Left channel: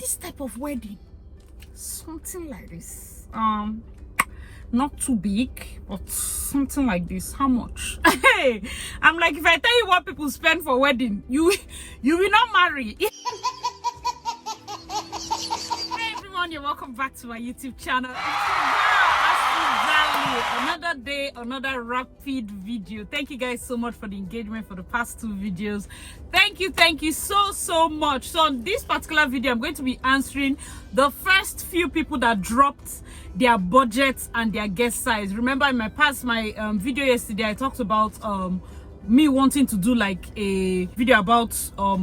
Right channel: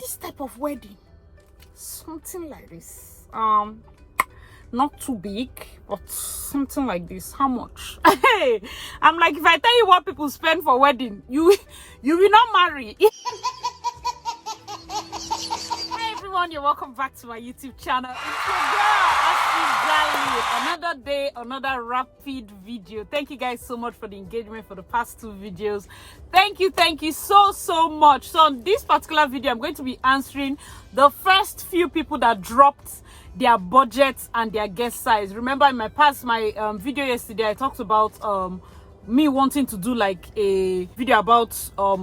this type of wedding, something like this, not too big, but something like this. How much? Hey, I'm like, if I tell you what people spend for wedding, you will not marry. Hey everyone, you're welcome back to my YouTube channel. It's your girl, another day, another rapid video. Thank you guys so much for the engagement for the past 2 videos. Thank you so much. So on this particular video, I'm going to be answering the first few people that dropped their budgets and their guest size. Remember in my video yesterday, I talked about me wanting to do like a video about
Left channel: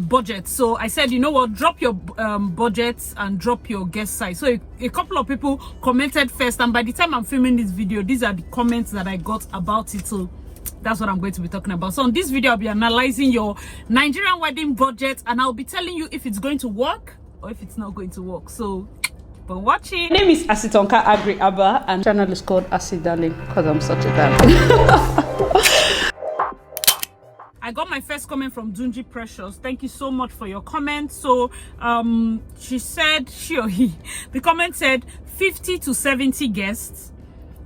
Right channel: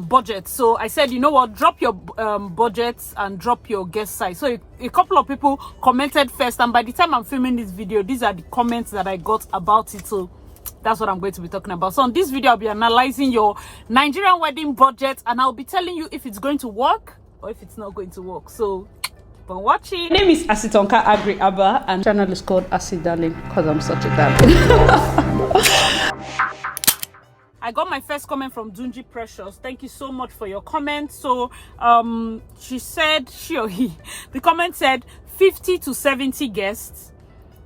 budget. So I said, you know what, drop your budgets and drop your guest size. So a couple of people commented first, and by the time I'm filming this video, these are the comments that I got about it. So that's what I'm going to be talking about. So on this video, I'll be analyzing your Nigerian wedding budget, and I'll be telling you if it's going to work or if it's not going to work. So for watching. My name is Asitonka Agri Abba, and channel is called Asi Darling because I'm such a darling. I got my first comment from Dunji Precious. Thank you so much for your comment. So she said, the comment said 50 to 70 guests,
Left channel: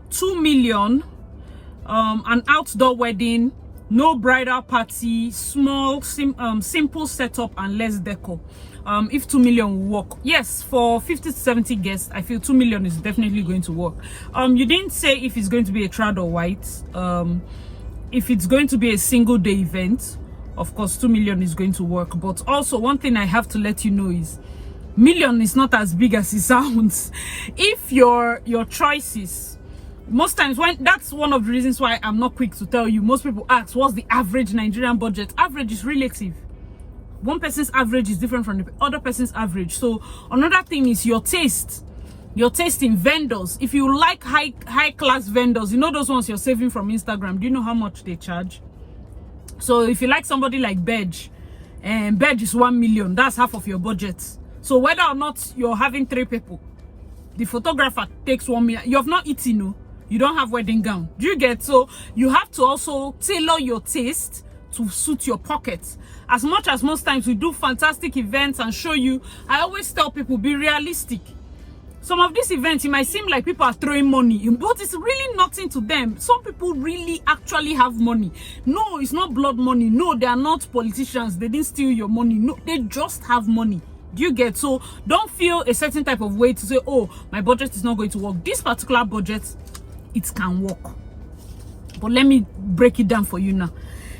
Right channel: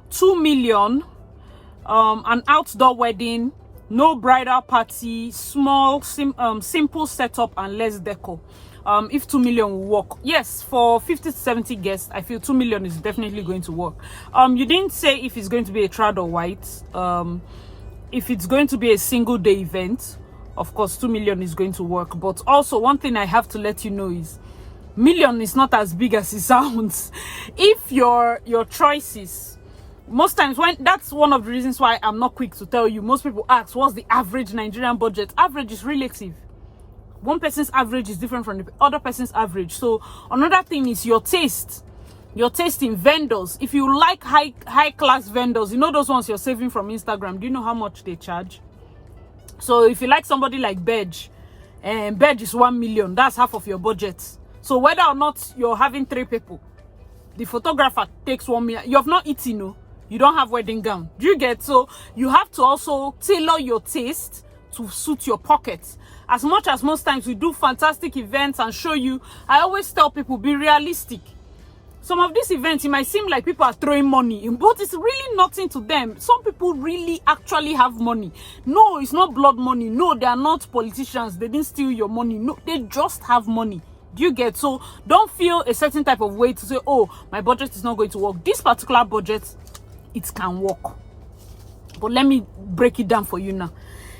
2 million, an outdoor wedding, no bridal party, small simple setup and less decor. If 2 million will work. Yes, for 50 to 70 guests, I feel 2 million is definitely going to work. You didn't say if it's going to be a trad or white. If it's going to be a single day event, of course 2 million is going to work. But also one thing I have to let you know is million is not as big as it sounds. If your choices, most times, when that's one of the reasons why I'm not quick to tell you. Most people ask, what's the average Nigerian budget? Average is relative. One person's average is different from the other person's average. So another thing is your taste. Your taste in vendors. If you like high class vendors, you know those ones you're saving from Instagram, do you know how much they charge? So if you like somebody like Bedge, and Bedge is 1 million, that's half of your budget. So whether or not you're having 3 people, the photographer takes 1 million. You have not eaten, no, you don't have wedding gown. Do you get? So you have to also tailor your taste to suit your pockets. As much as most times we do fantastic events and show you, I always tell people, be realistic. Some of these events, it might seem like people are throwing money in, but it's really nothing to them. Some people really actually have money. No, it's not blood money. No, they are not politicians. They didn't steal your money. No, they just have money. Do you get? So don't feel a certain type of way to say, oh, my budget is not going to work. This particular budget, it can work. But let me break it down for you now.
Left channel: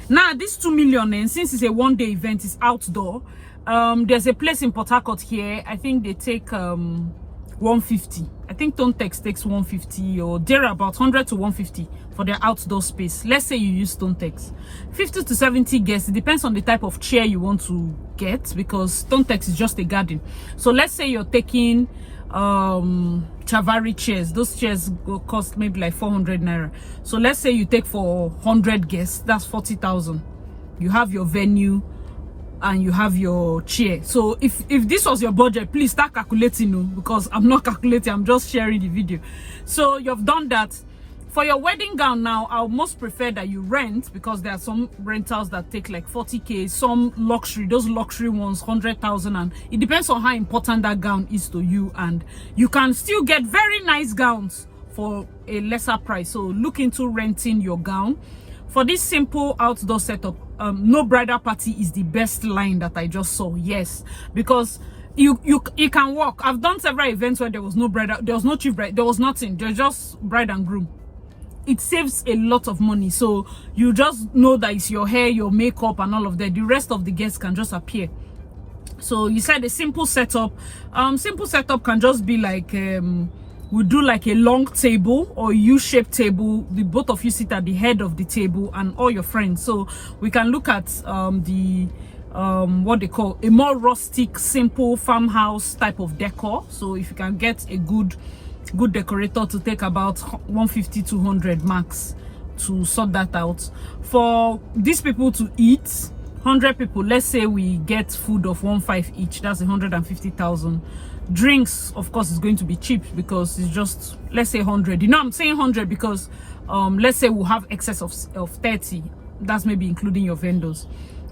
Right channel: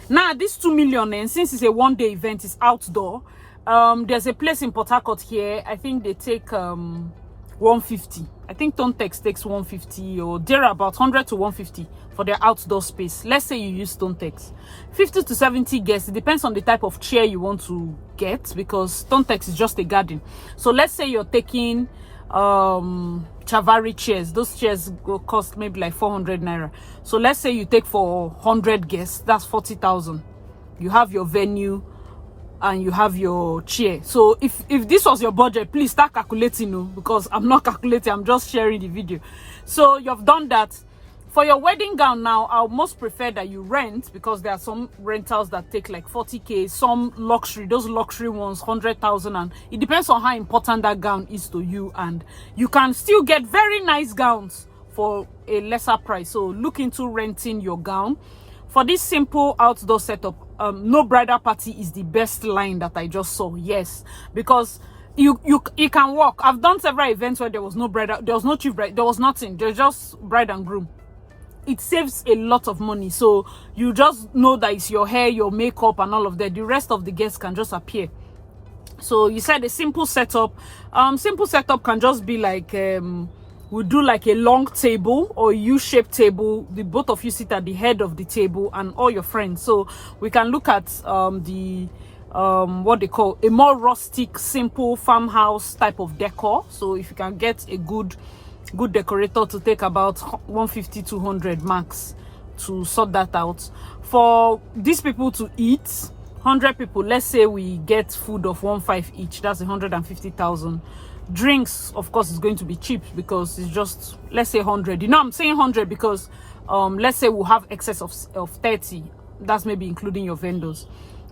Now, this 2 million, and since it's a one-day event, it's outdoor. There's a place in Port Harcourt here. I think they take 150. I think Tontex takes 150, or they're about 100 to 150 for their outdoor space. Let's say you use Tontex. 50 to 70 guests. It depends on the type of chair you want to get, because Tontex is just a garden. So let's say you're taking Chavari chairs. Those chairs will cost maybe like 400 naira. So let's say you take for 100 guests, that's 40,000. You have your venue and you have your chair. So if this was your budget, please start calculating, no, because I'm not calculating, I'm just sharing the video. So you've done that. For your wedding gown now, I would most prefer that you rent, because there are some rentals that take like 40k, some luxury, those luxury ones 100,000, and it depends on how important that gown is to you, and you can still get very nice gowns for a lesser price. So look into renting your gown. For this simple outdoor setup, no bridal party is the best line that I just saw. Yes, because you can work. I've done several events where there was no bridal, there was no chief bride, there was nothing, there's just bride and groom. It saves a lot of money. So you just know that it's your hair, your makeup and all of that. The rest of the guests can just appear. So you said a simple setup. Simple setup can just be like we do like a long table or U-shaped table. The both of you sit at the head of the table and all your friends. So we can look at what they call a more rustic, simple farmhouse type of decor. So if you can get a good decorator to take about 150 200 max to sort that out. For these people to eat, 100 people, let's say we get food of 1.5 each, that's 150,000. Drinks, of course, is going to be cheap because it's just, let's say 100. You know, I'm saying 100 because let's say we'll have excess of 30. That's maybe including your vendors.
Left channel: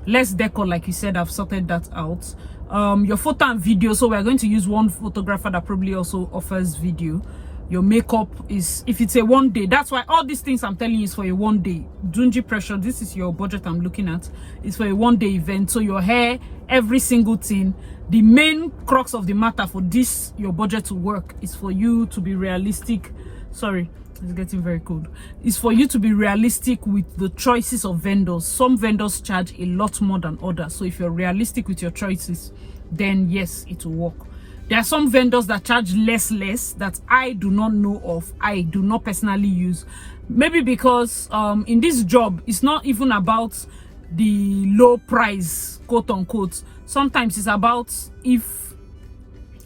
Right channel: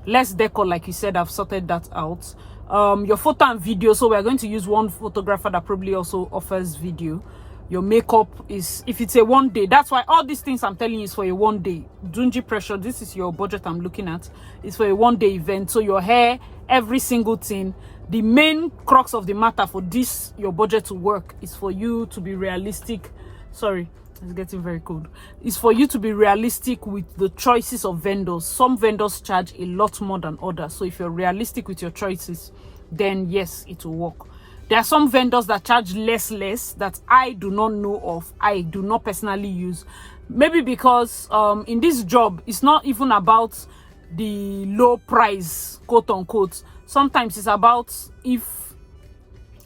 Less decor, like you said, I've sorted that out. your photo and video. So we're going to use one photographer that probably also offers video. Your makeup is, if it's a 1 day, that's why all these things I'm telling you is for a 1 day. Dungy Pressure, this is your budget I'm looking at. It's for a 1 day event. So your hair, every single thing. The main crux of the matter for this, your budget to work, is for you to be realistic. Sorry, it's getting very cold. It's for you to be realistic with the choices of vendors. Some vendors charge a lot more than others. So if you're realistic with your choices, then yes, it will work. There are some vendors that charge less that I do not know of. I do not personally use. Maybe because in this job, it's not even about the low price, quote unquote. Sometimes it's about if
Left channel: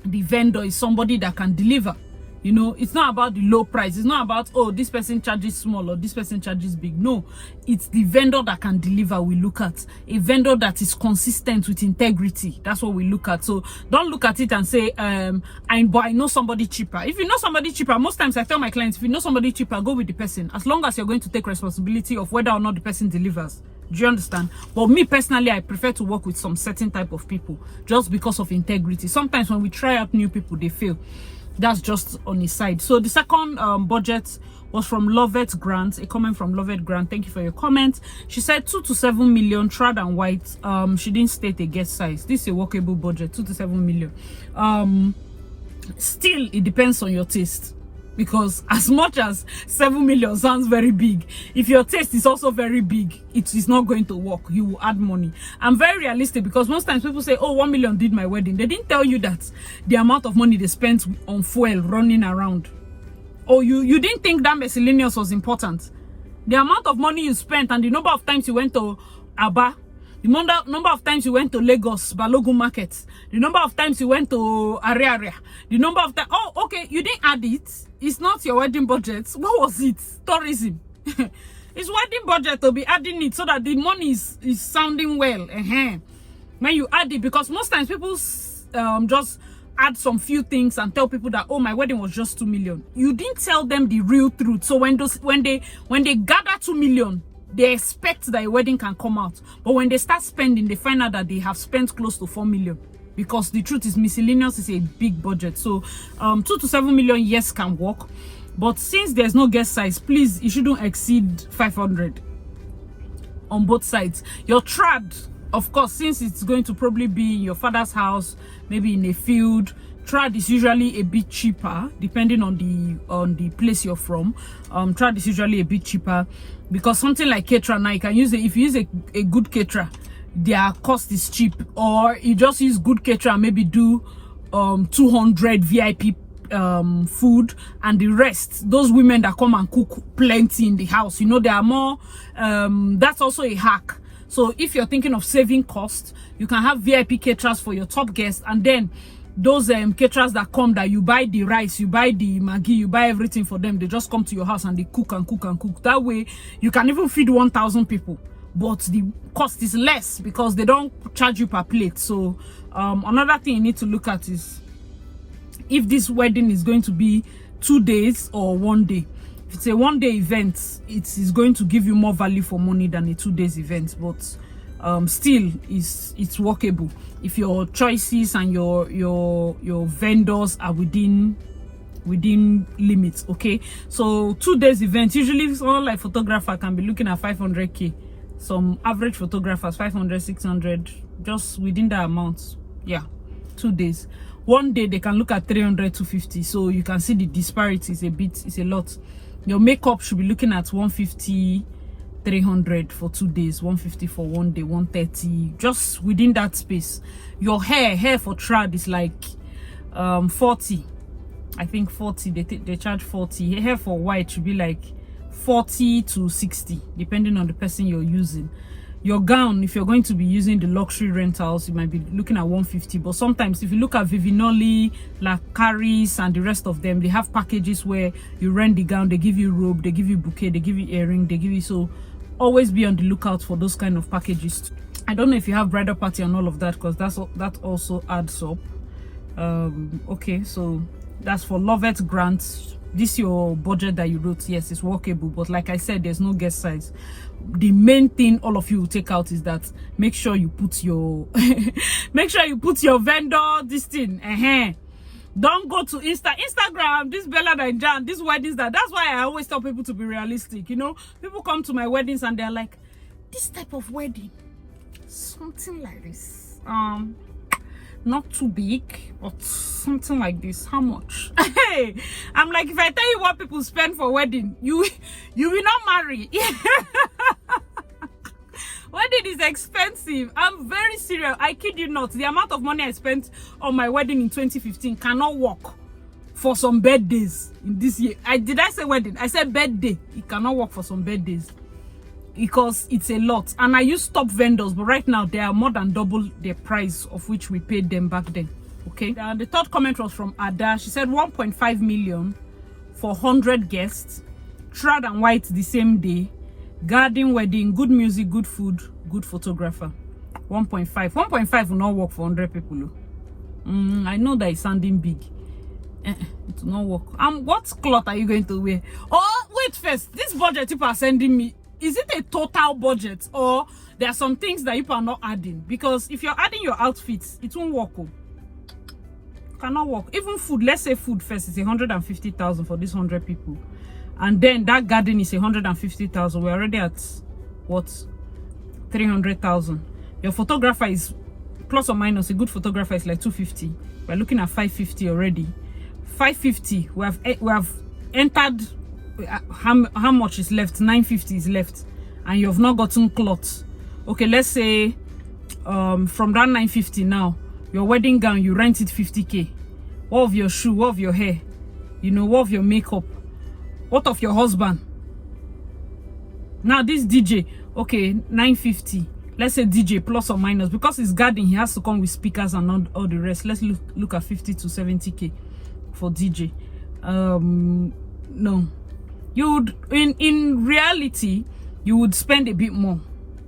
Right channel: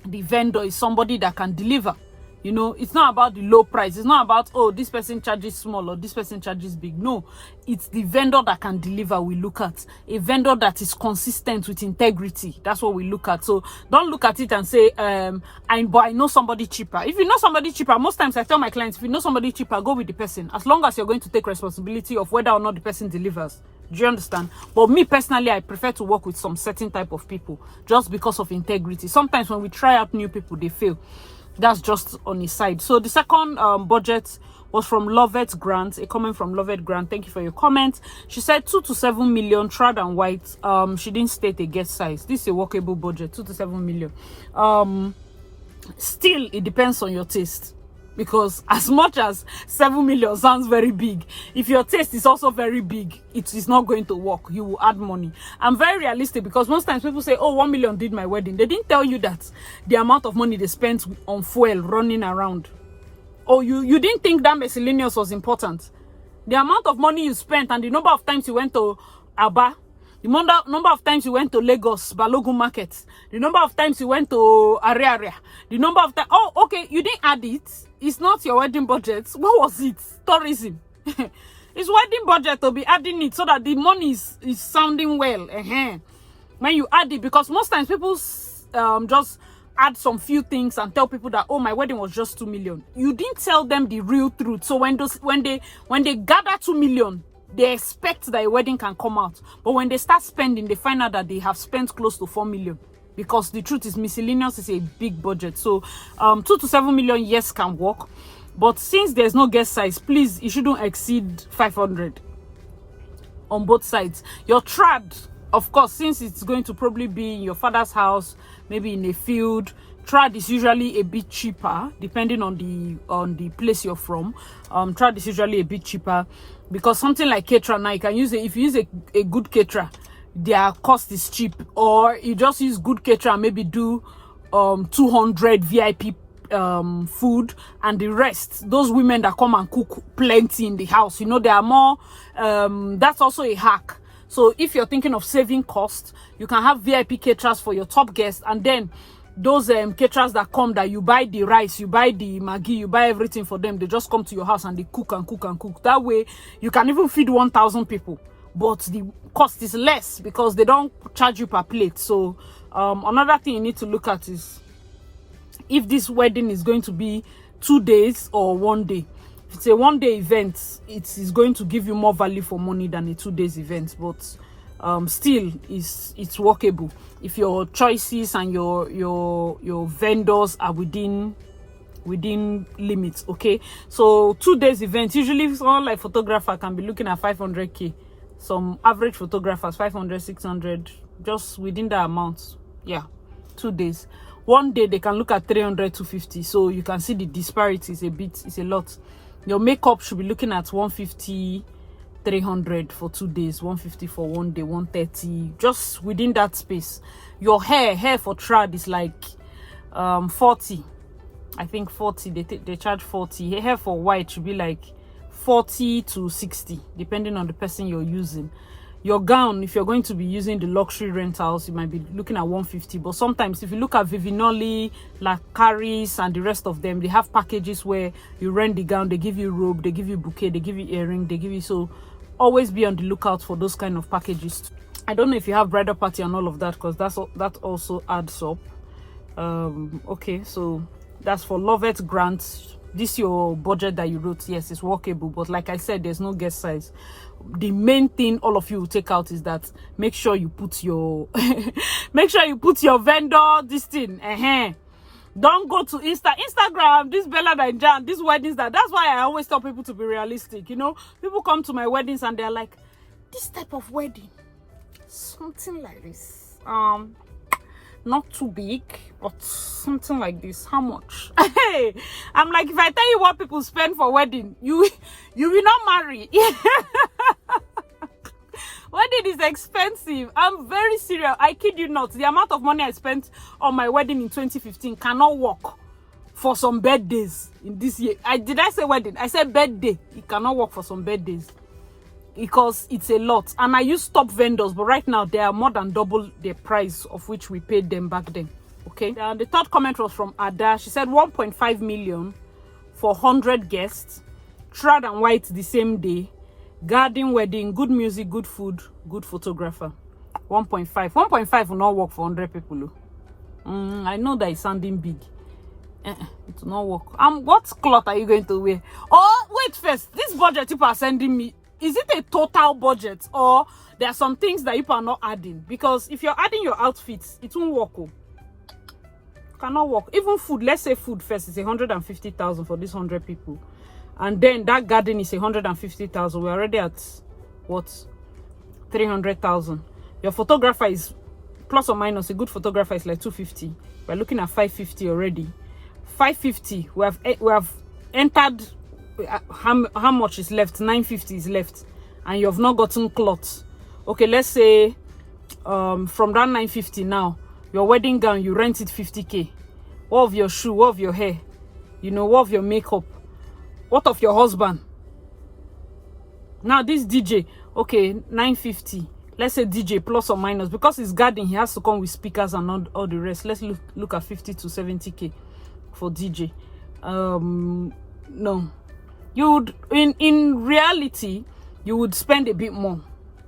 the vendor is somebody that can deliver. You know, it's not about the low price. It's not about, oh, this person charges small or this person charges big. No, it's the vendor that can deliver we look at. A vendor that is consistent with integrity. That's what we look at. So don't look at it and say, but I know somebody cheaper. If you know somebody cheaper, most times I tell my clients, if you know somebody cheaper, go with the person. As long as you're going to take responsibility of whether or not the person delivers. Do you understand? But me personally, I prefer to work with some certain type of people just because of integrity. Sometimes when we try out new people, they fail. That's just on his side. So the second budget was from Lovett Grant, a comment from Lovett Grant. Thank you for your comment. She said 2 to 7 million, trad and white. She didn't state a guest size. This is a workable budget, 2 to 7 million. Still, it depends on your taste. Because as much as 7 million sounds very big, if your taste is also very big, it is not going to work. You will add money. I'm very realistic because most times people say, oh, 1 million did my wedding. They didn't tell you that the amount of money they spent on fuel running around. Or you didn't think that miscellaneous was important. The amount of money you spent and the number of times you went to Aba, the number of times you went to Lagos, Balogun Market, the number of times you went to Area, the number of times, oh, okay, you didn't add it. It's not your wedding budget. What was it? Tourism. It's wedding budget to be adding it so that the money is sounding well. When you add it, because most times people just add some few things and tell people that, oh, my wedding was just 2 million. You didn't tell them the real truth. So when they gather 2 million, they expect that a wedding can come out. But when they start spending, they find out that they have spent close to 4 million. Because the truth is, miscellaneous is a big budget. So 2 to 7 million, yes, can work. But since there's no guest size, please, it shouldn't exceed 500 on both sides. Your trad, of course, since it's going to probably be in your father's house, maybe in a field, trad is usually a bit cheaper depending on the place you're from. Trad is usually a bit cheaper because something like caterer now, you can use it. If you use a good caterer, their cost is cheap. Or you just use good caterer, maybe do 200 VIP food, and the rest, those women that come and cook plenty in the house, you know, they are more that's also a hack. So if you're thinking of saving costs, you can have VIP caterers for your top guests, and then those caterers that come, that you buy the rice, you buy the Maggi, you buy everything for them, they just come to your house and they cook and cook and cook. That way you can even feed 1,000 people, but the cost is less because they don't charge you per plate. So another thing you need to look at is if this wedding is going to be 2 days or 1 day. If it's a 1 day event, it is going to give you more value for money than a 2 days event, but still it's workable if your choices and your vendors are within limits. Okay, so 2 days event, usually someone like photographer can be looking at 500k. Some average photographers 500, 600, just within that amount. Yeah, 2 days. 1 day they can look at 300 to 50. So you can see the disparity is it's a lot. Your makeup should be looking at 150, 300 for 2 days, 150 for 1 day, 130, just within that space. Your hair for trad is like 40. I think 40. They charge 40. Hair for white should be like 40 to 60, depending on the person you're using. Your gown, if you're going to be using the luxury rentals, you might be looking at 150. But sometimes if you look at Vivinoli, Lacaris, and the rest of them, they have packages where you rent the gown, they give you robe, they give you bouquet, they give you earring, they give you, so always be on the lookout for those kind of packages. I don't know if you have bridal party and all of that, because that also adds up. Okay, so that's for Lovett Grant. this your budget that you wrote, yes, it's workable, but like I said, there's no guest size. The main thing all of you will take out is that make sure you put your make sure you put your vendor this thing. Don't go to Instagram, this Bella and Jan, these weddings. That's why I always tell people to be realistic. You know, people come to my weddings and they're like, this type of wedding, something like this, not too big, but something like this. How much? Hey, I'm like, if I tell you what people spend for wedding, you will not marry. Wedding is expensive. I'm very serious. I kid you not. The amount of money I spent on my wedding in 2015 cannot work for some birthdays in this year. Did I say wedding? I said birthday. It cannot work for some birthdays because it's a lot. And I use top vendors, but right now they are more than double the price of which we paid them back then. Okay. And the third comment was from Ada. She said 1.5 million for 100 guests, shroud and white the same day, garden wedding, good music, good food, good photographer. 1.5 will not work for 100 people. I know that it's sounding big. It will not work. What cloth are you going to wear? Oh, wait first. This budget people are sending me, is it a total budget, or there are some things that people are not adding? Because if you're adding your outfits, it won't work. Cannot work. Even food, let's say food first is 150,000 for these 100 people. And then that garden is 150,000. We're already at what? 300,000. Your photographer is plus or minus, a good photographer is like 250. We're looking at 550 already. 550. We have entered. How much is left? 950 is left, and you have not gotten cloth. Okay, let's say from that 950 now, your wedding gown, you rent it 50k. What of your shoe? What of your hair? You know, what of your makeup? What of your husband? Now this DJ, okay, 950. Let's say DJ plus or minus, because it's garden, he has to come with speakers and all the rest. Let's look at 50 to 70k for DJ. No, you would in reality you would spend a bit more.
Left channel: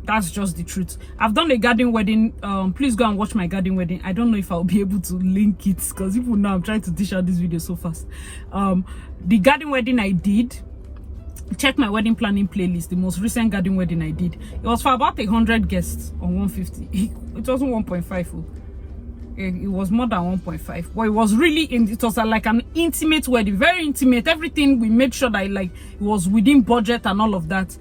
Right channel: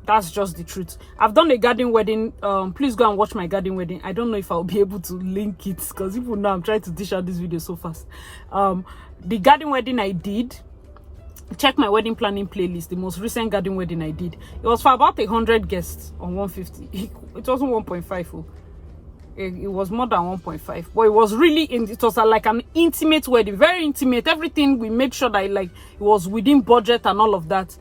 That's just the truth. I've done a garden wedding. Please go and watch my garden wedding. I don't know if I'll be able to link it because people know I'm trying to dish out this video so fast. The garden wedding I did, check my wedding planning playlist. The most recent garden wedding I did, it was for about 100 guests on 150. It wasn't 1.5. It was more than 1.5, but it was really it was like an intimate wedding, very intimate. Everything we made sure that it was within budget and all of that.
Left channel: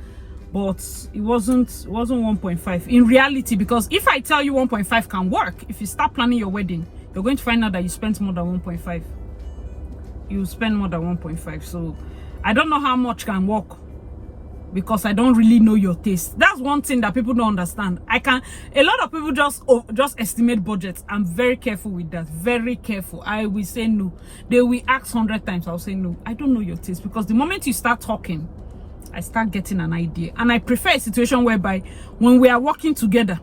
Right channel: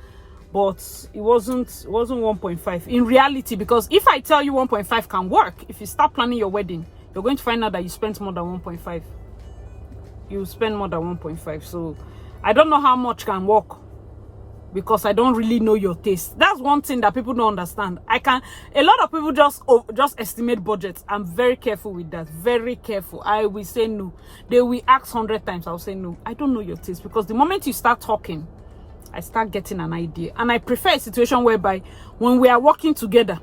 But it wasn't 1.5 in reality, because if I tell you 1.5 can work, if you start planning your wedding, you're going to find out that you spent more than 1.5. You spend more than 1.5. So I don't know how much can work, because I don't really know your taste. That's one thing that people don't understand. A lot of people just estimate budgets. I'm very careful with that. Very careful. I will say no. They will ask 100 times. I'll say no. I don't know your taste, because the moment you start talking, I start getting an idea. And I prefer a situation whereby when we are working together,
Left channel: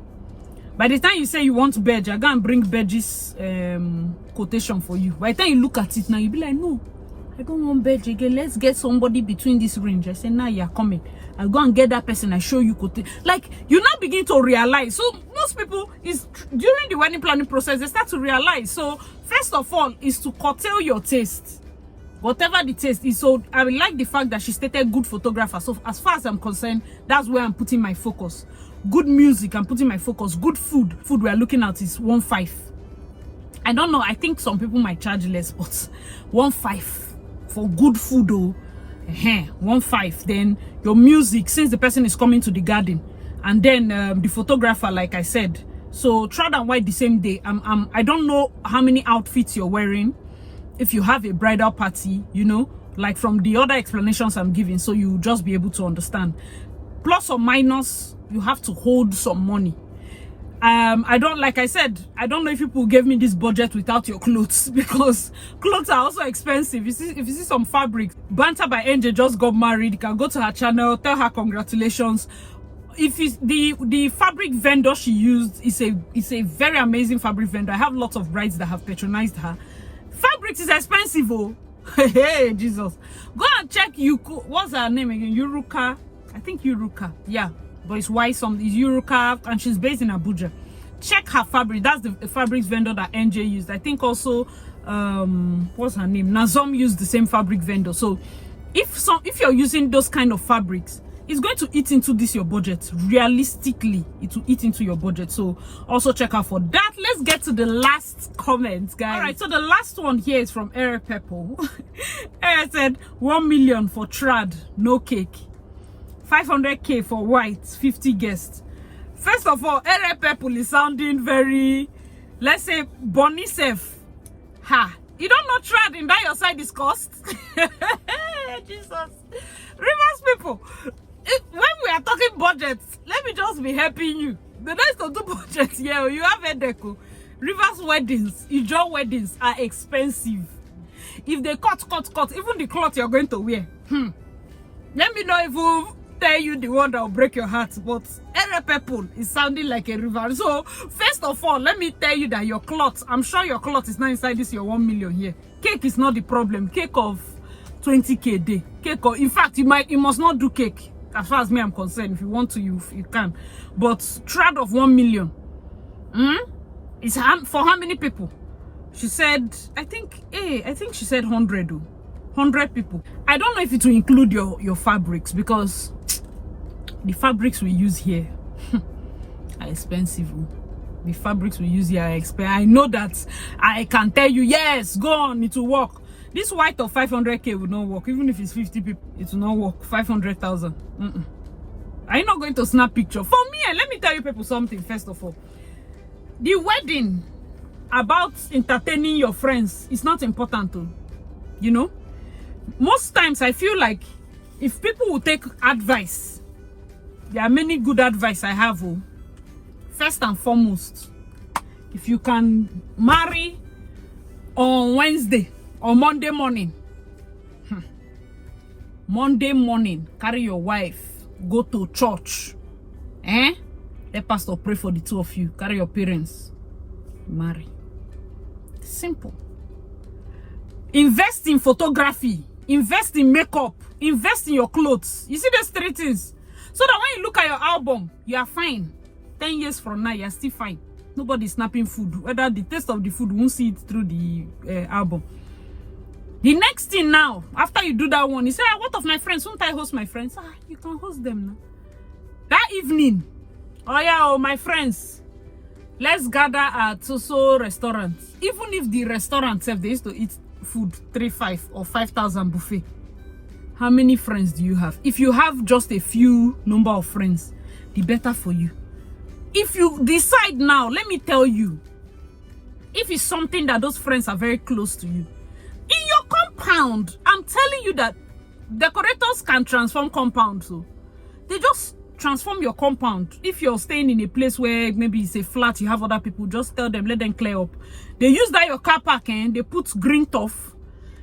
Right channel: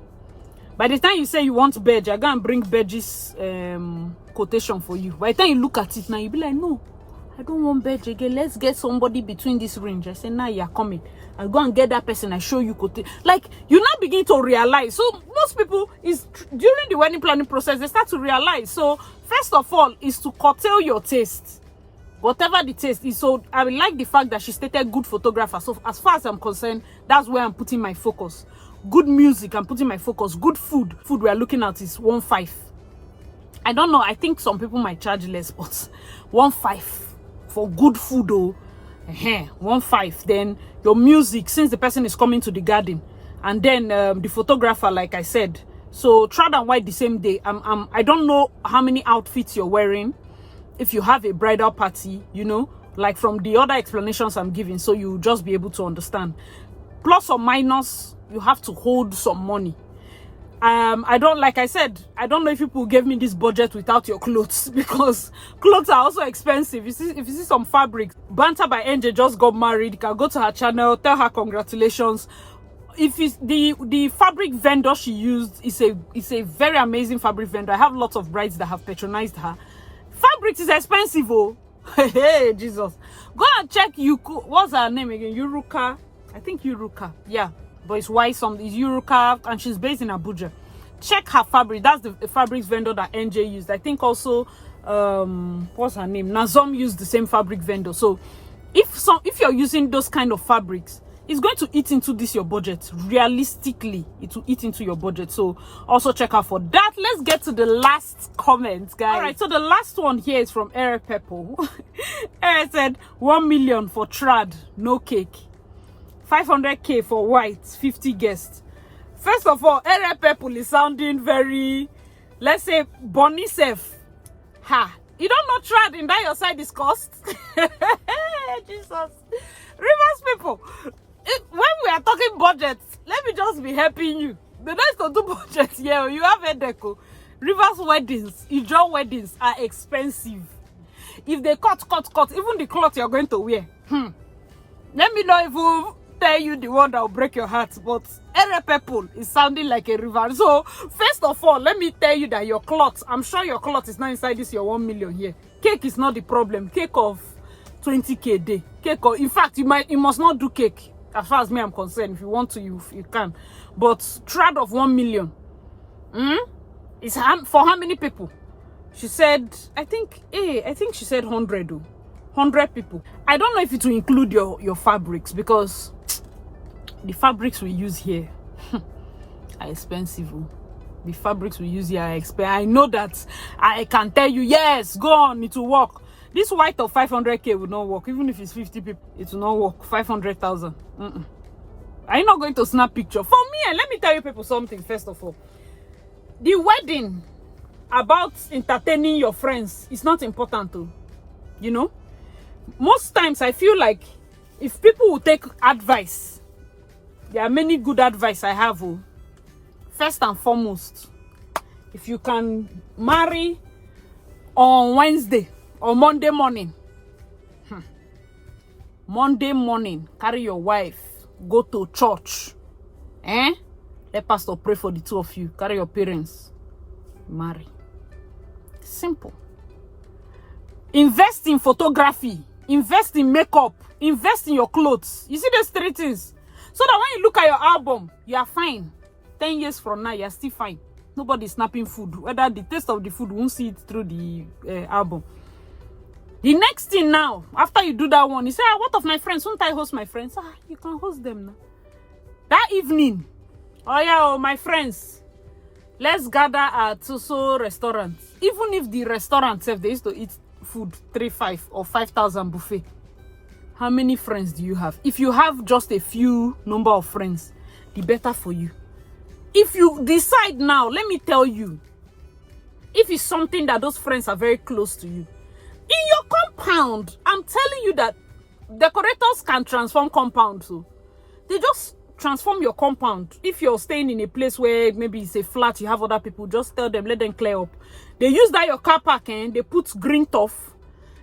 by the time you say you want badge, I go and bring badges quotation for you. By the time you look at it now, you be like, no, I don't want badge again. Let's get somebody between this range. I say, now you're coming. I go and get that person. I show you quotation. Like, you now begin to realize. So most people is during the wedding planning process, they start to realize. So first of all is to curtail your taste. Whatever the taste is. So I like the fact that she stated good photographer. So as far as I'm concerned, that's where I'm putting my focus. Good music, I'm putting my focus. Good food we are looking at is 1.5. I don't know, I think some people might charge less, but 1.5 for good food, oh. 1.5. Then your music, since the person is coming to the garden, and then the photographer, like I said. So shroud and white the same day. I don't know how many outfits you're wearing. If you have a bridal party, you know, like from the other explanations I'm giving, so you just be able to understand. Plus or minus, you have to hold some money. Like I said, I don't know if people gave me this budget without your clothes, because clothes are also expensive. If you see some fabric, Banter by NJ just got married. You can go to her channel, tell her congratulations. If it's the fabric vendor she used is a very amazing fabric vendor. I have lots of brides that have patronized her. Fabrics is expensive, oh. Hey, Jesus. Go and check Yuko. What's her name again? Yuruka. I think Yuruka. Yeah. But it's why it's Yuruka, and she's based in Abuja. Check her fabric. That's the fabrics vendor that NJ used. I think also what's her name, Nazom, used the same fabric vendor. So if you're using those kind of fabrics, it's going to eat into this your budget. Realistically, it will eat into your budget. So also check out for that. Let's get to the last comment, guys. All right, so the last one here is from Eric Pepple. Eric said 1 million for trad, no cake, 500k for white, 50 guests. First of all, Eric Pepple is sounding very, let's say, Bonnie Sef. Ha! You don't know trad in that your side is cost? Jesus. Rivers people, when we are talking budgets, let me just be helping you. The next to do budgets here, you have a deco. Rivers weddings, Ijo weddings are expensive. If they cut, even the cloth you're going to wear. Let me not even tell you the one that will break your heart, but Ere Pepple is sounding like a river. So first of all, let me tell you that your cloth, I'm sure your cloth is not inside this your 1 million here. Cake is not the problem. Cake of 20k a day. Cake of, in fact, you must not do cake. As far as me I'm concerned, if you want to, you can. But trad of 1 million. It's for how many people? She said, I think she said 100. 100 people. I don't know if it will include your fabrics, because the fabrics we use here are expensive. The fabrics we use here are expensive. I know that I can tell you, yes, go on, it will work. This white of 500k will not work. Even if it's 50 people, it will not work. 500,000. Are you not going to snap picture? For me, and let me tell you people something first of all. The wedding, about entertaining your friends, is not important too. You know? Most times I feel like if people will take advice, there are many good advice I have. First and foremost, if you can marry on Wednesday or Monday morning, Monday morning, carry your wife, go to church, let pastor pray for the two of you, carry your parents, marry. Simple. Invest in photography, invest in makeup, invest in your clothes. You see those three things, so that when you look at your album, you are fine. 10 years from now, you are still fine. Nobody is snapping food. Whether the taste of the food won't see it through the album. The next thing now, after you do that one, you say, what of my friends? Won't I host my friends? You can host them now. That evening, my friends, let's gather at so restaurant. Even if the restaurant itself, they used to eat food 3-5 or 5,000 buffet. How many friends do you have? If you have just a few number of friends, the better for you. If you decide now, let me tell you, if it's something that those friends are very close to you, in your compound, I'm telling you that decorators can transform compounds. So they just transform your compound. If you're staying in a place where maybe it's a flat, you have other people, just tell them, let them clear up. They use that your car park, and they put green turf.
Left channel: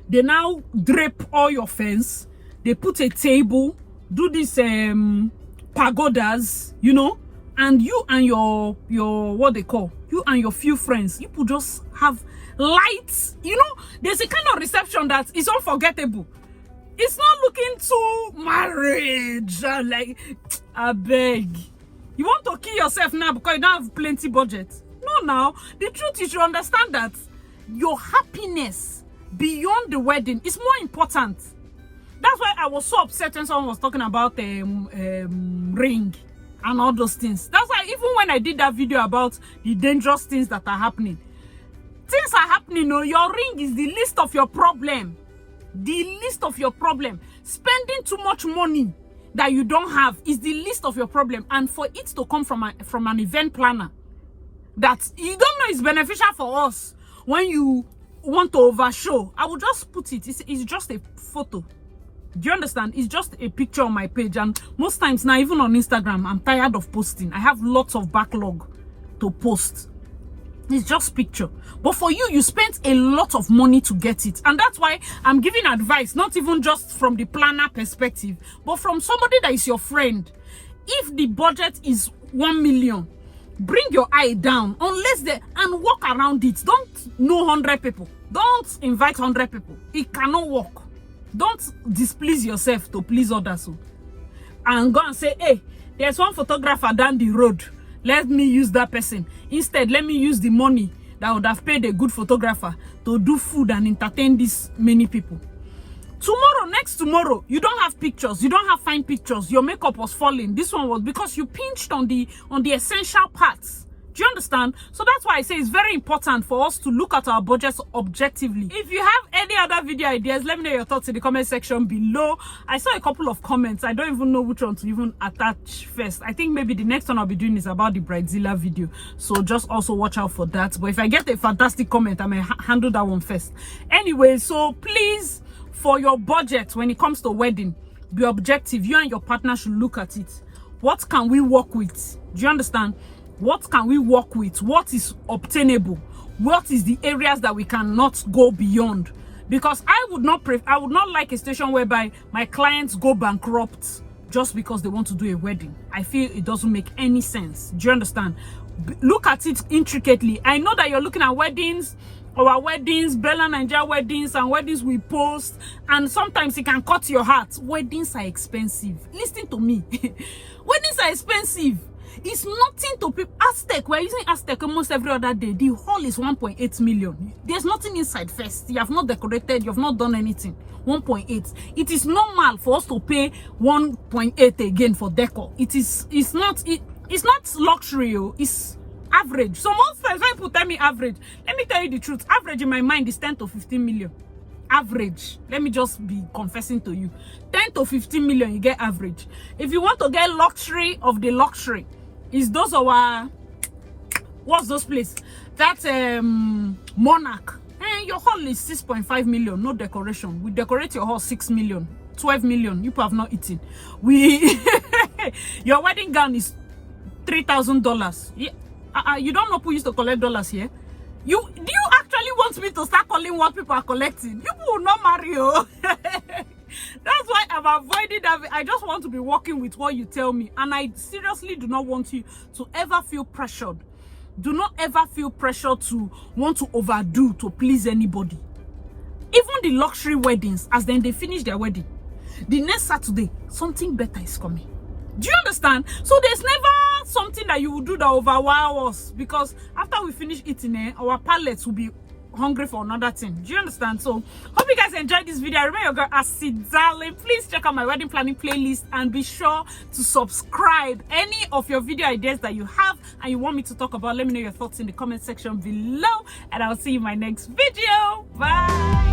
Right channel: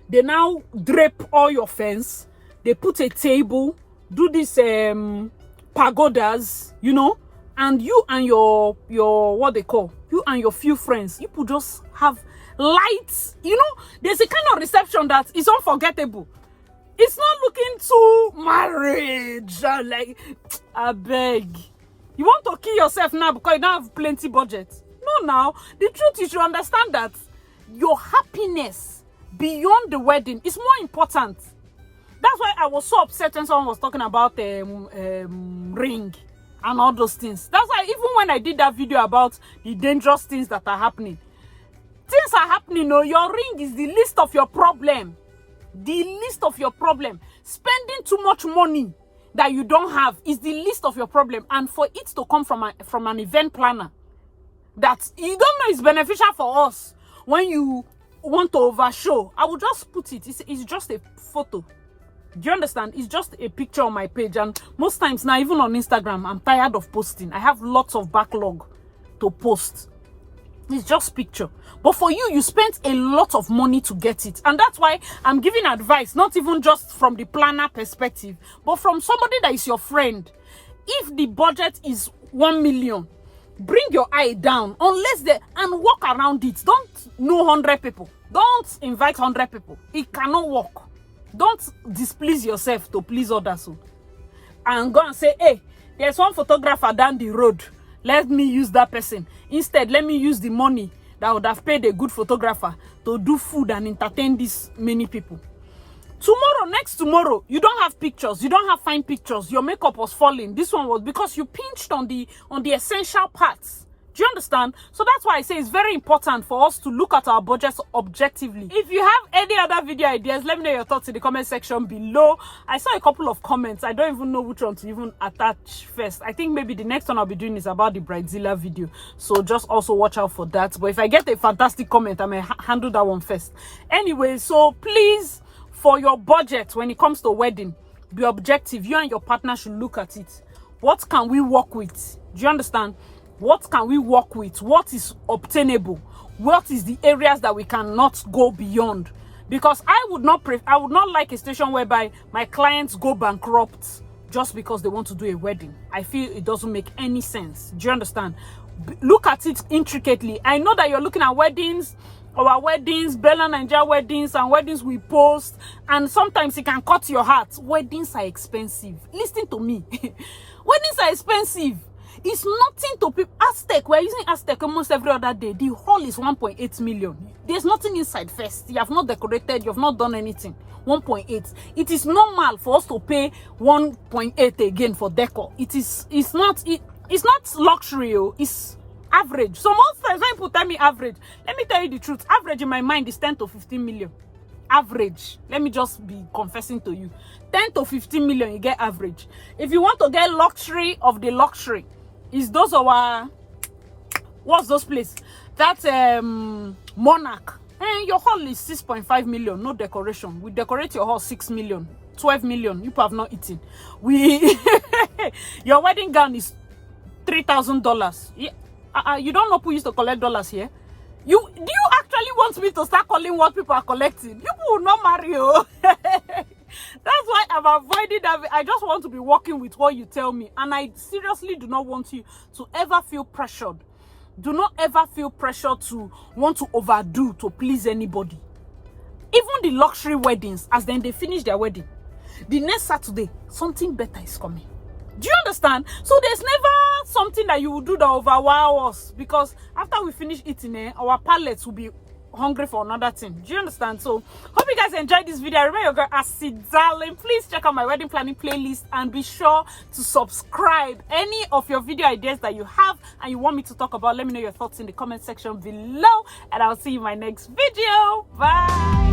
They now drape all your fence. They put a table, do this pagodas, you know, and you and your what they call, you and your few friends, you could just have lights. You know, there's a kind of reception that is unforgettable. It's not looking too marriage, like, I beg. You want to kill yourself now because you don't have plenty budget? No, now the truth, you should understand that your happiness beyond the wedding is more important. That's why I was so upset when someone was talking about ring and all those things. That's why even when I did that video about the dangerous things that are happening, things are happening. No, your ring is the least of your problem. The least of your problem. Spending too much money that you don't have is the least of your problem. And for it to come from an event planner that you don't know is beneficial for us, when you want to overshow, I will just put it. It's just a photo. Do you understand? It's just a picture on my page. And most times now, even on Instagram, I'm tired of posting. I have lots of backlog to post. It's just picture. But for you, you spent a lot of money to get it. And that's why I'm giving advice, not even just from the planner perspective, but from somebody that is your friend. If the budget is 1 million, bring your eye down, and walk around it. Don't know 100 people. Don't invite 100 people. It cannot work. Don't displease yourself to please others. And go and say, hey, there's one photographer down the road. Let me use that person. Instead, let me use the money. that would have paid a good photographer to do food and entertain these many people. Tomorrow, next tomorrow, you don't have pictures, you don't have fine pictures, your makeup was falling. This one was because you pinched on the essential parts. Do you understand? So that's why I say it's very important for us to look at our budgets objectively. If you have any other video ideas, let me know your thoughts in the comment section below. I saw a couple of comments. I don't even know which one to even attach first. I think maybe the next one I'll be doing is about the Bridezilla video. So just also watch out for that. But if I get a fantastic comment, I may handle that one first. Anyway, so please, for your budget, when it comes to wedding, be objective. You and your partner should look at it. What can we work with? Do you understand? What can we work with? What is obtainable? What is the areas that we cannot go beyond? Because I would not like a situation whereby my clients go bankrupt just because they want to do a wedding. I feel it doesn't make any sense. Do you understand? Look at it intricately. I know that you're looking at weddings, our weddings, Bella Nigeria weddings, and weddings we post, and sometimes it can cut your heart. Weddings are expensive. Listen to me. Weddings are expensive. It's nothing to people. Aztec, we're using Aztec almost every other day. The hall is 1.8 million. There's nothing inside first. You have not decorated, you have not done anything. 1.8. It is normal for us to pay 1.8 again for decor. It's not luxury, it's average. So most times when people tell me average, let me tell you the truth. Average in my mind is 10 to 15 million. Average. Let me just be confessing to you. 10 to 15 million, you get average. If you want to get luxury of the luxury, is those our, what's those places? That's Monarch. Your hall is 6.5 million, no decoration. We decorate your hall 6 million, 12 million. You have not eaten. Your wedding gown is $3,000. Yeah. You don't know who used to collect dollars here. Do you actually want me to start calling what people are collecting? People will not marry you. That's why I'm avoiding that. I just want to be working with what you tell me. And I seriously do not want you to ever feel pressured. Do not ever feel pressure to want to overdo to please anybody. Even the luxury weddings, as then they finish their wedding, the next Saturday, something better is coming. Do you understand? So there's never something that you will do that overwhelm us, because after we finish eating, our palates will be hungry for another thing. Do you understand? So hope you guys enjoyed this video. Remember your girl Acid Darling. Please check out my wedding planning playlist and be sure to subscribe. Any of your video ideas that you have and you want me to talk about, let me know your thoughts in the comment section below, and I'll see you in my next video. Bye.